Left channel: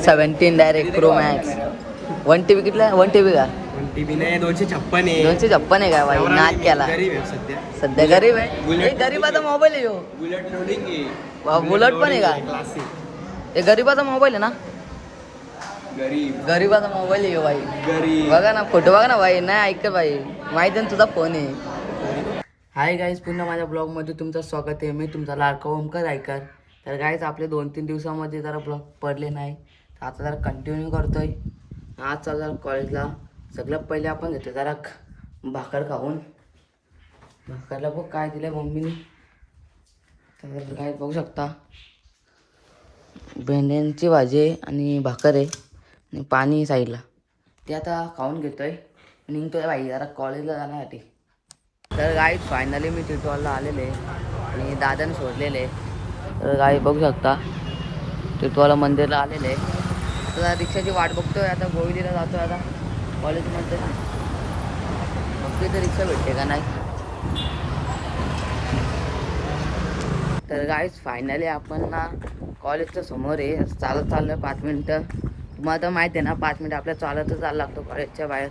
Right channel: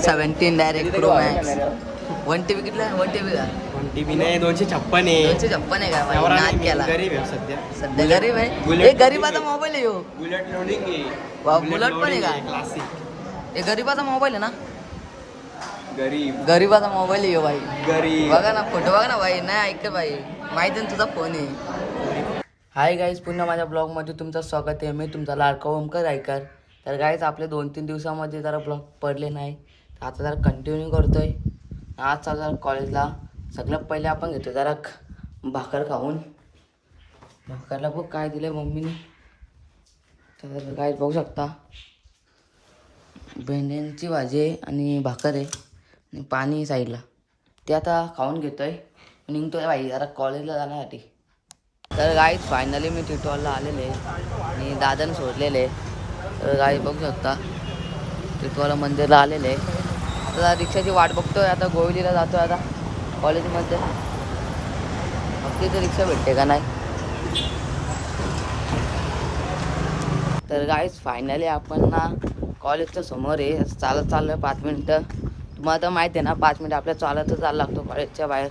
17 direct pro max 1 TB कितला 1 TB का 1 TB नाही 256 आहे. 256 आहे का भाई नाद केला गरीब आहे सध्या. सध्या गरीब आहे हे गरीबाचा मोबाईल आहे ह्यो बुलेट लोडिंग आहे. वा बुलेट पण आहे का क्लासिक हे गरीबाचा मोबाईल आहे ना गरीबाचा मोबाईल आहे ह्यो भाई गरीब बघा ना फोटो बघा ना भाई नाही ऐक भाई माहिती आहे ना तुझा फोन आहे. हाय गाईज पुन्हा माझ्या ब्लॉगमध्ये तुमचं स्वागत आहे. मी तुमचा लाडका ओमकार ऐकर. तर गाईज आपले 2-3 दिवसामध्ये जरा ब्लॉग पडले नाही तर आता जरा कंटिन्यू करतोय. आज चालू जरा कॉलेजला. सगळ्यात पहिले आपण घेतो जरा भाकर खाऊन. भाकरला बघ काय दिलं आहे मम्मीने. तर काय बघू शकता भेंड्यांची भाजी आहे आणि भाकर आहे आणि पाणी साईडला ते आता खाऊन घेतोय आणि निघतोय भाई जरा कॉलेजला जाण्यासाठी. तर गाईज फायनली मी टिटवालला आलेले आणि दादाने सोडलेले. तर गाई बघू शकता टिटवाला मंदिरला आलेले. आता रिक्षाची वाट बघतोय. आता गोवलीला जातोय आता कॉलेजमध्ये. बघतोय तर रिक्षा भेटते का नाही. तर गाईज फायनली आपण ना कॉलेजच्या समोर आहे. चालत चाललो आहे 5 मिनटं. तुम्हाला तर माहिती आहे ना 5 मिनटं आपल्या चालतच जायला लागतो कॉलेजच्या बाहेर.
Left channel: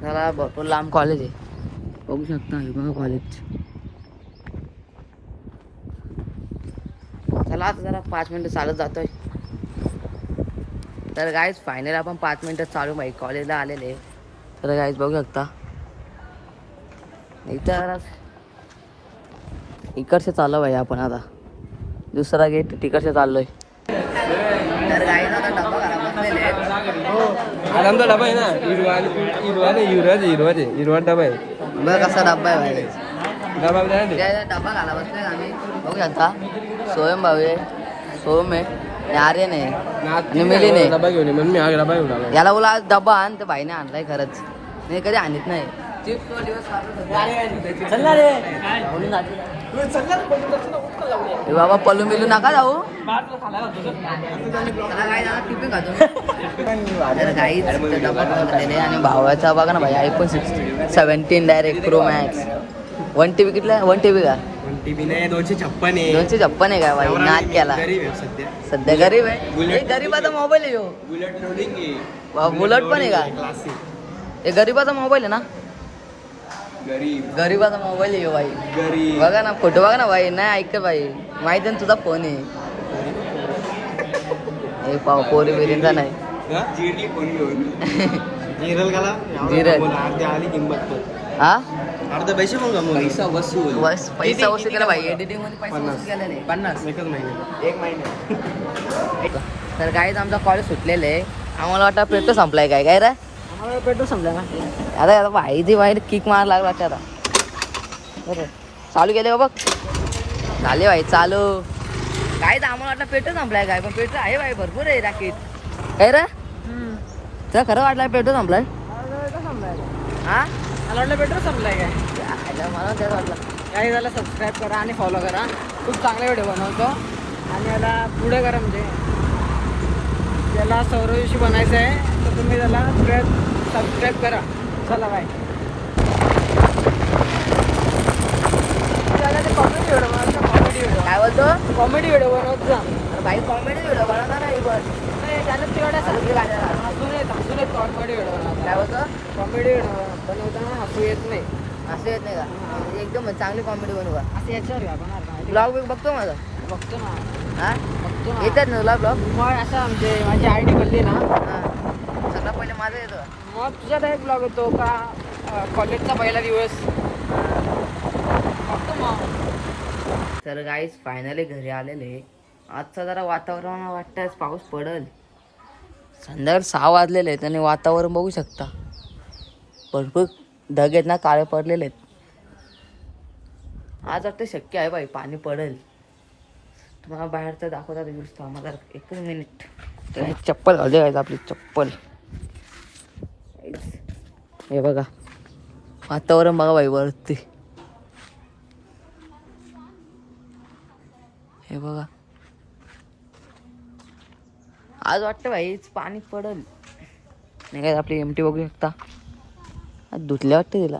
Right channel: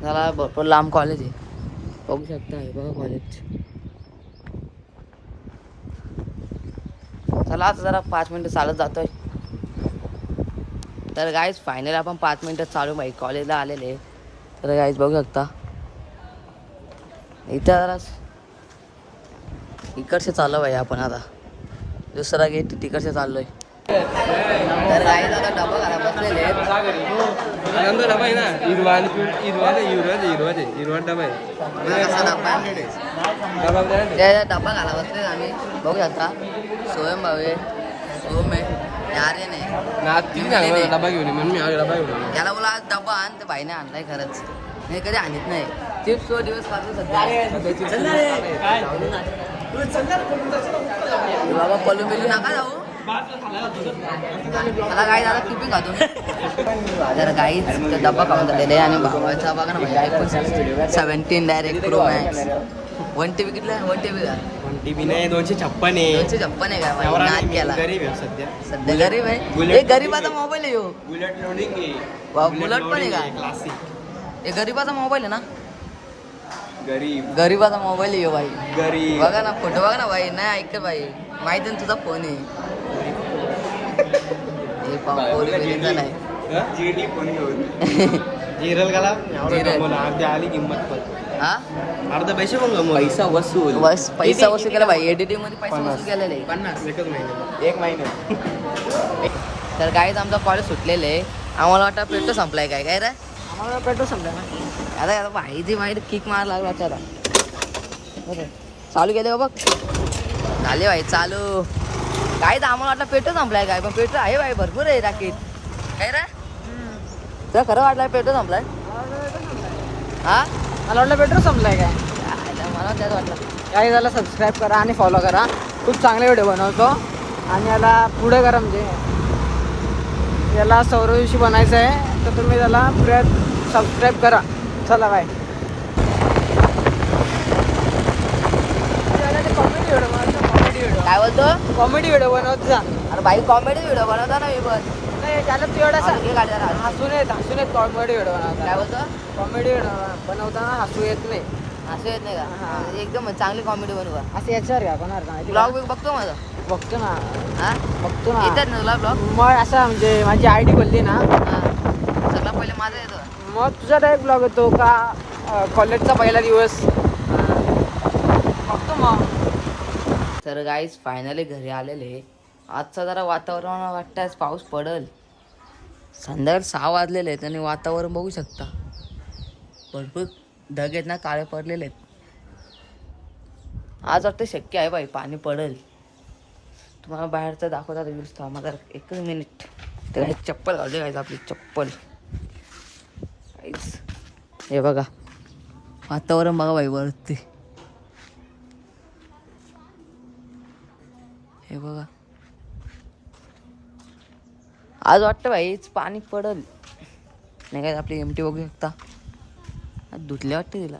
त्याला भरपूर लांब कॉलेज आहे. बघू शकता हे बघा कॉलेज. चला आता जरा 5 मिनटं चालत जातोय. तर गाईज फायनली आपण 5 मिनटं चालू भाई कॉलेजला आलेले. तर गाईज बघू शकता इथं जरा इकडचे चाललो भाई आपण आता. दुसरा गेट तिकडचे चाललोय. तर गाईज आता डबा घरा बसलेले आमचा डबा आहे ना हिरवा डबा आहे. कसा डबा आहे डबा घाला बसले आम्ही. बघू शकता सोयम भाऊ आहे सोम आहे आर्यन आहे डबा घेऊन ये म्हणून मी डबा घेऊन आलो. याला बोला आज डबा आण तर भाईने आणलाय खरंच. नाही कधी आणत नाही. चिप्स दिवस बाबा पलून बिलून नका जाऊ. त्याला काय झालं टिफिन खातो. तर गाईच डब्बा खाऊन झालेले आणि भावाचा बघा ना भाई iPhone 17 direct pro max 1 TB कितला 1 TB का 1 TB नाही 256 आहे. 256 आहे का भाई नाद केला गरीब आहे सध्या. सध्या गरीब आहे हे गरीबाचा मोबाईल आहे ह्यो बुलेट लोडिंग आहे. वा बुलेट पण आहे का क्लासिक हे गरीबाचा मोबाईल आहे ना गरीबाचा मोबाईल आहे भाई गरीब बघा ना फोटो बघा ना भाई नाही ऐक भाई माहिती आहे ना तुझा फोन आहे. हे पाव पोरी बिरींचा नाही जिरली फोन घेऊन जिरल गाला जिरल. अर्ध्या आली किंमत पण हा अर्धा पैसे पण गमवले. पैसा वसूल बस पैसा वसूल केला भाई एडिटिंग मध्ये पैसा वसूल केलेला आहे 50 एकच महिने एक महिने. तर गाईज आमचा कॉलेज सुटलेलं आहे. आम्हाला वाटतं पेट्रोल संपलाय काय काय रे आम्हाला पेट्रोल संपलं ना. आता भाई ती माहिती किक मार लागला आता बरं चालू केले बघ झाले भाई चालू. काय तर आम्हाला वाटलं पेट्रोल संपलाय काय पण पेट्रोल आहे भाई भरपूर आहे राखीत काय रे तुला खरं वाटलं पेट्रोल संपलाय. हा मला वाटलं पेट्रोल संपलाय काय. मला त्याच वाटलं. काय झालं सबस्क्राईब करा आणि फॉलो करा. खूप चांगले व्हिडिओ बनवतो आणि याला पुढे करा म्हणजे याला सौरविषयी बनायचं आहे तर तुम्ही त्याला पुढे सबस्क्राईब करा. चला बाय. कॉमेडी व्हिडिओ काय बोलतो कॉमेडी व्हिडिओ बनवत जा. अरे भाई कॉमेडी व्हिडिओ बनवता ना पण हसून येत कॉमेडी व्हिडिओ काय बोलतो कॉमेडी बनवताना हसू येत नाही. असं येत नाही का म्हणजे एकदम चांगली कॉमेडी बनवा. असं याच्यावर घ्या का ब्लॉग बिग बघतो माझा बघतो ना हा बघतो ना येतात ना तुला ब्लॉग. मग असं म्हणजे माझी आयडी बोलली ना हा सगळा पहिले माझा येतो. मग तुझा डायरेक्ट ब्लॉग येतो का कॉलेजचा पहिला दिवस बघतो मग. तर गाईज फायनली घरी आलेले. आजचा जरा वातावरण वाटतं आज पाऊस पडल. संध्याकाळी 6 वाजलेले आहेत आणि वातावरण बघू शकता भरपूर ढग आहेत ना काळे पडलेले आहेत. आज वाटतं शक्य आहे बाई पाणी पडेल. तुम्हाला बाहेरचं दाखवतात व्ह्यूज थांबा जरा एकच मिनिट. तर हे चप्पल घालते गायचं आपली चप्पल. हे बघा वातावरण बघा बाई वरती हे बघा. आज वाटतं भाईच पाणी पडल नाही काय. आपली एमटी बघू शकता आज धुतल्या वाटते तिला.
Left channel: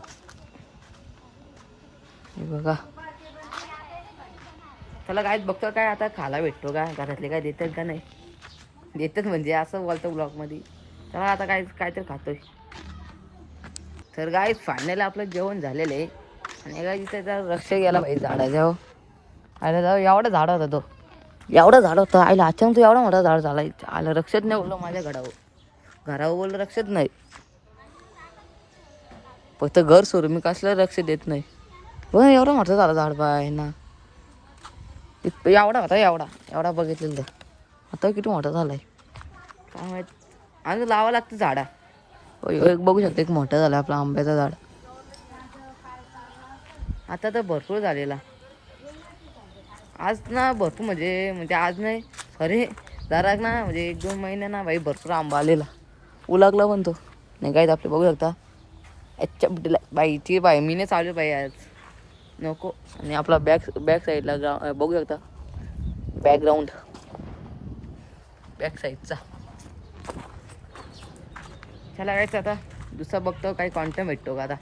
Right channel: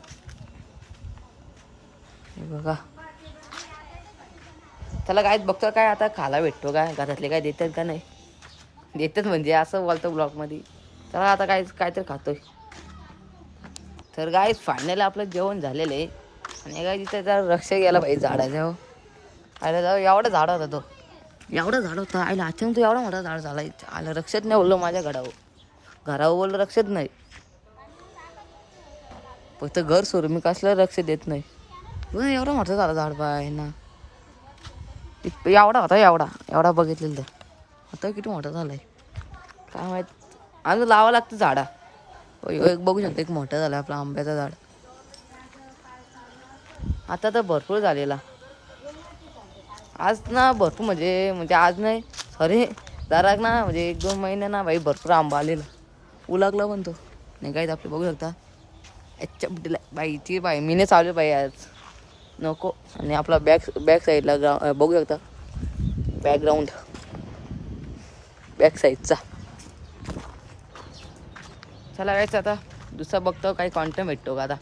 हे बघा त्याला काय बघतो काय आता खायला भेटतो काय घरातले काय देतात का नाही. देतात म्हणजे असं बोलतं ब्लॉगमध्ये. चला आता काहीतरी खातोय. तर गाईज फायनली आपलं जेवण झालेलं आहे. आणि काय तिथे जर लक्ष गेला पाहिजे झाडाच्या. आयला जाऊ एवढा झाड होता तो. एवढा झाड होता आईला अचानक तो एवढा मोठा झाड झाला. आलं रक्षात नाही बोललो माझ्या घरावर बोललं रक्षात नाही. फक्त घर सोडून मी कसलं लक्ष देत नाही. पण एवढा मोठा झाला झाड पाय ना. एवढा होता एवढा बघितलेलं तर. आता किती मोठा झालाय काय माहित. अजून लावावं लागतं झाडा. एक बघू शकता एक मोठा झाला आपला आंब्याचा झाड. आता तर भरपूर झालेला. आज ना भरपूर म्हणजे आज नाही सॉरी जरा ना म्हणजे 1-2 महिने ना भाई भरपूर आंबा आलेला. उलागला पण तो नाही काय आपले बघू शकता. अच्छा बाईची बाई मीने चालू बाई आज नको. आणि आपला बॅक साईडला बघू शकता बॅकग्राऊंड बॅक साईडचा. चला गायचं आता दुसरा बघतो काही कॉन्टेंट भेटतो का आता.